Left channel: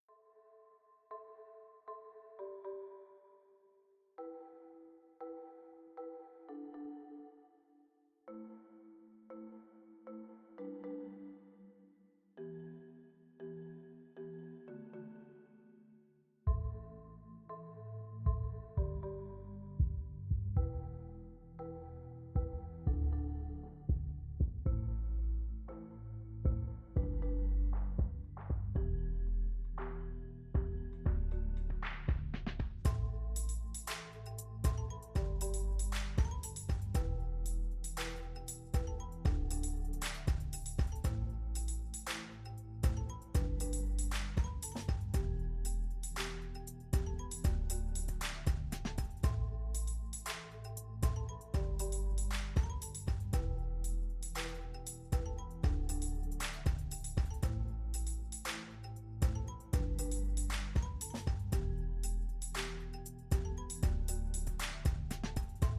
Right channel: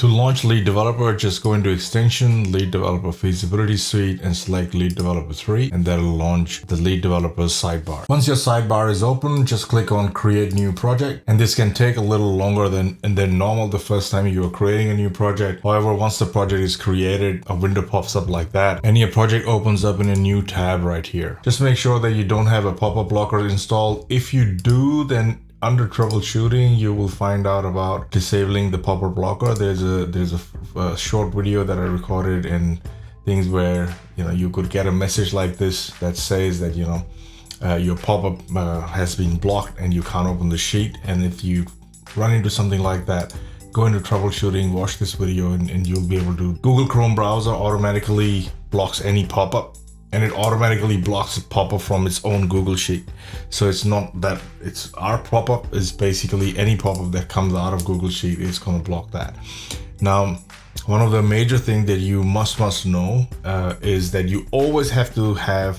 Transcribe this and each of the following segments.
To launch Lead Developer, just go into Extension, Lead Developer Feasibility Suite, and select Lead Developer 3, and that'll launch the Lead Developer's sidebar. Once your sidebar is open, just click on Create New Project, and this can take a little longer than normal the first time you are creating a new project. However, once the project is created, a window pops up like that, and your project opens up in a new tab right here. Just make sure that you don't have a pop-up blocker installed. If you do, then under troubleshooting, you will find out about disabling the pop-up blocker. There's a short video that I recorded and things where you could get a message like this that says that your pop-up has been blocked and you can't open the sheet. And if you run into something like that, go into troubleshooting, watch this video, and you'll be able to. Google Chrome browser automatically blocks any pop-up, and it automatically blocks a pop-up from its own Google Sheet. So it's not that it's our pop-up, is basically any pop-up that comes out of Google Sheet is going to block that. Now, one of the major things that you must know is that you always have to have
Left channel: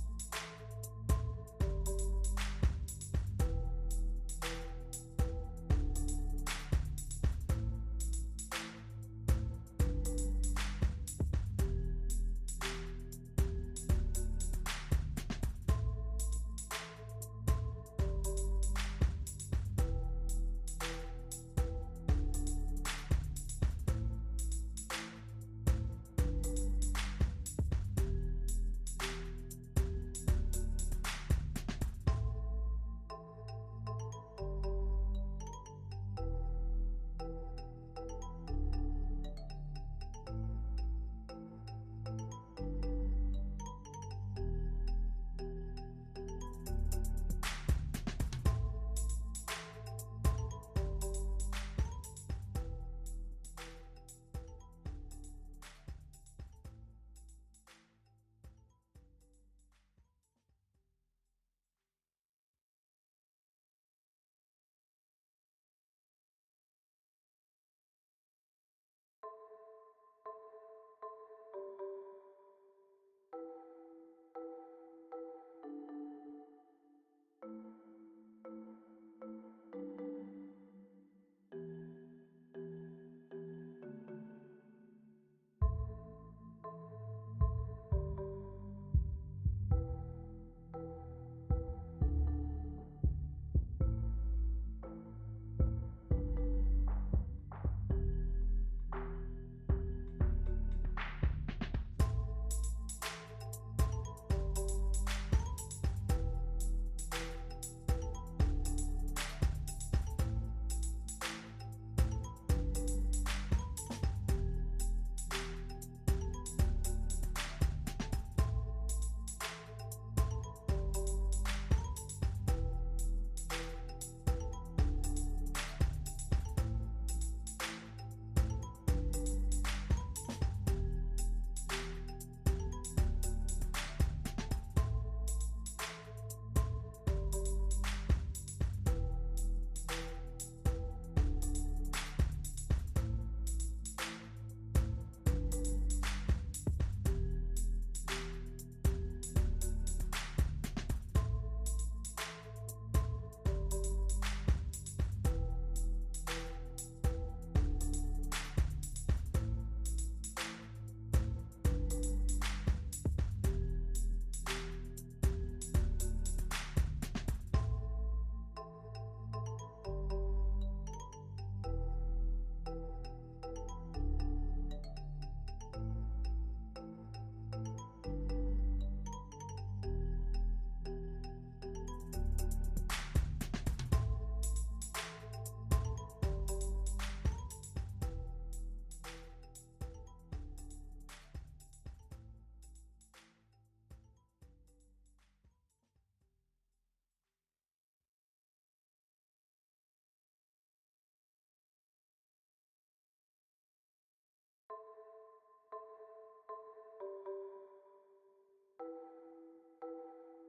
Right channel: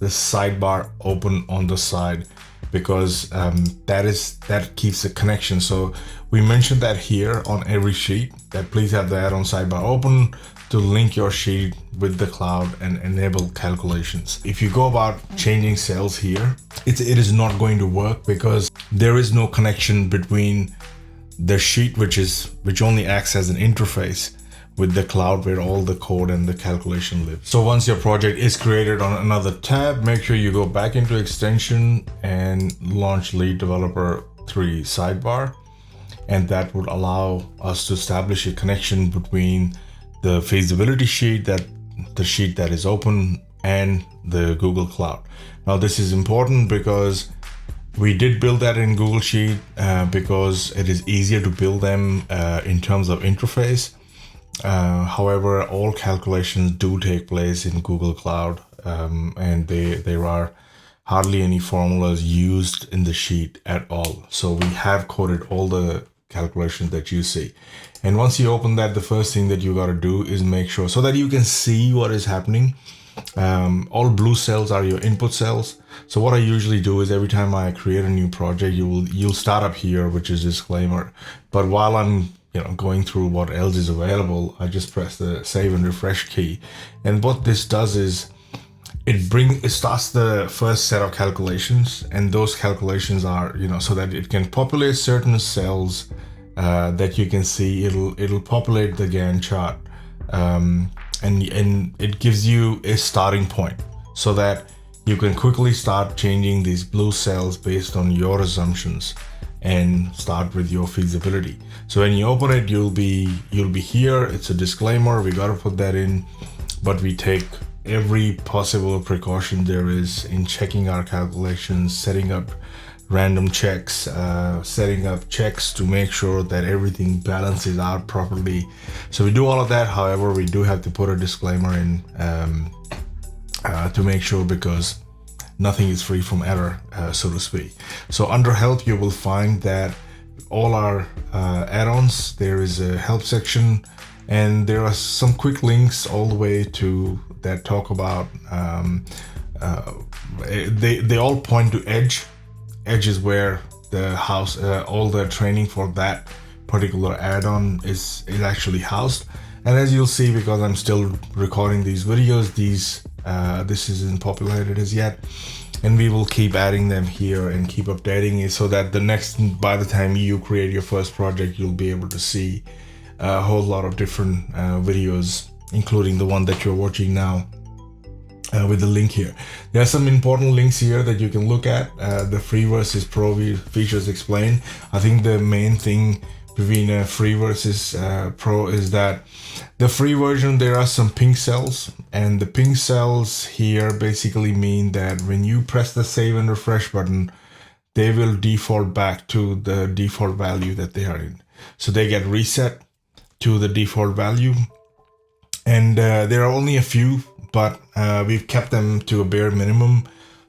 the sidebar open on the side, because that keeps the connection. So we mentioned that here on every sheet, that please have the add-on sidebar open to link your sheet with the cloud and enable calculations. If you go about changing cells here, it is not going to work, because there is no connection between the sheet, which only acts as an interface, with the cloud where all the code and the calculation live. So once your project is created on another tab, make sure you go back into Extension and launch Lead Developer 3 sidebar, and that would allow us to establish a connection between the feasibility sheet, the sheet that is open, and the Google Cloud. Now this is important because we did build that in Google Sheet because it is easier to build them in terms of interface. However, all calculations do take place in Google Cloud, and there are hardly any formulas used in the sheet at all. So we have coded all the calculations that you see. And once you open that, the first thing that you got to do is make sure, so that you can see what is happening. All blue cells are your input cells. So what I usually do is every time I create a new project, you'll start up here, which is disclaimer. But while I'm going through what else is available, I just press the save and refresh key. And what this does is it starts the first set of calculations, and those calculations are so that it can populate certain cells that you can see. It'll populate the Gantt chart, and it gives you a starting point so that you can quickly start changing these blue cells based on your assumptions and start with your feasibility. So when you open it, you'll be here. It's a disclaimer, we got to put that in, but we take every possible precaution there is in checking our calculations, setting up random checks, setting up checks to make sure that everything balances out properly. So we do all of that. However, we do have to put a disclaimer in to make sure, because nothing is free from error, so to speak. So under help, you will find that all our add-ons, there is a help section, and there are some quick links all the way to that talk about they all point to Edge. Edge is where the house, all the training for that particular add-on is actually housed. And as you'll see, because I'm still recording these videos, this isn't populated as yet, and we will keep adding them here and keep updating it, so that by the time you create your first project, you'll be able to see a whole lot of different videos, including the one that you're watching now with the link here. There are some important links here that you can look at. The free versus pro features explained. I think the main thing between free versus pro is that the free version, there are some pink cells, and the pink cells here basically mean that when you press the save and refresh button, they will default back to the default value that they are in. So they get reset to the default value, and there are only a few, but we've kept them to a bare minimum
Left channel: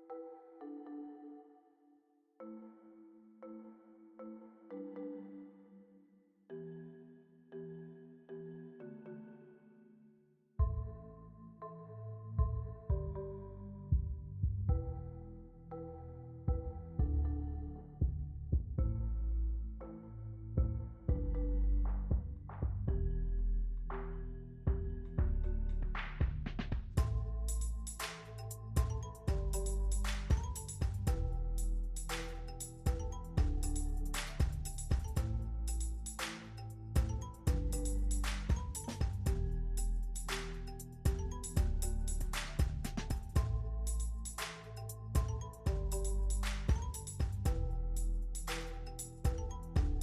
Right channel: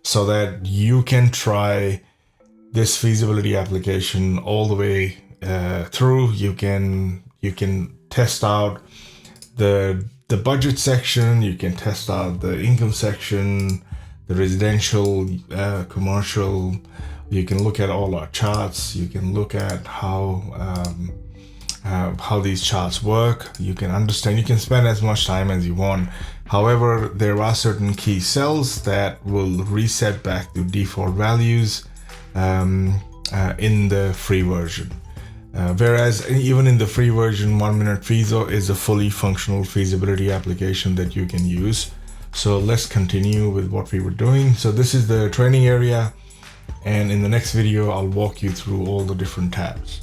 so that you can try this feasibility application all the way through. You can test out the budget section, you can test out the income section, the residential, commercial. You can look at all our charts. You can look at how how these charts work. You can understand, you can spend as much time as you want. However, there are certain key cells that will reset back to default values in the free version. Whereas even in the free version, 1 Minute Feaso is a fully functional feasibility application that you can use. So let's continue with what we were doing. So this is the training area, and in the next video I'll walk you through all the different tabs.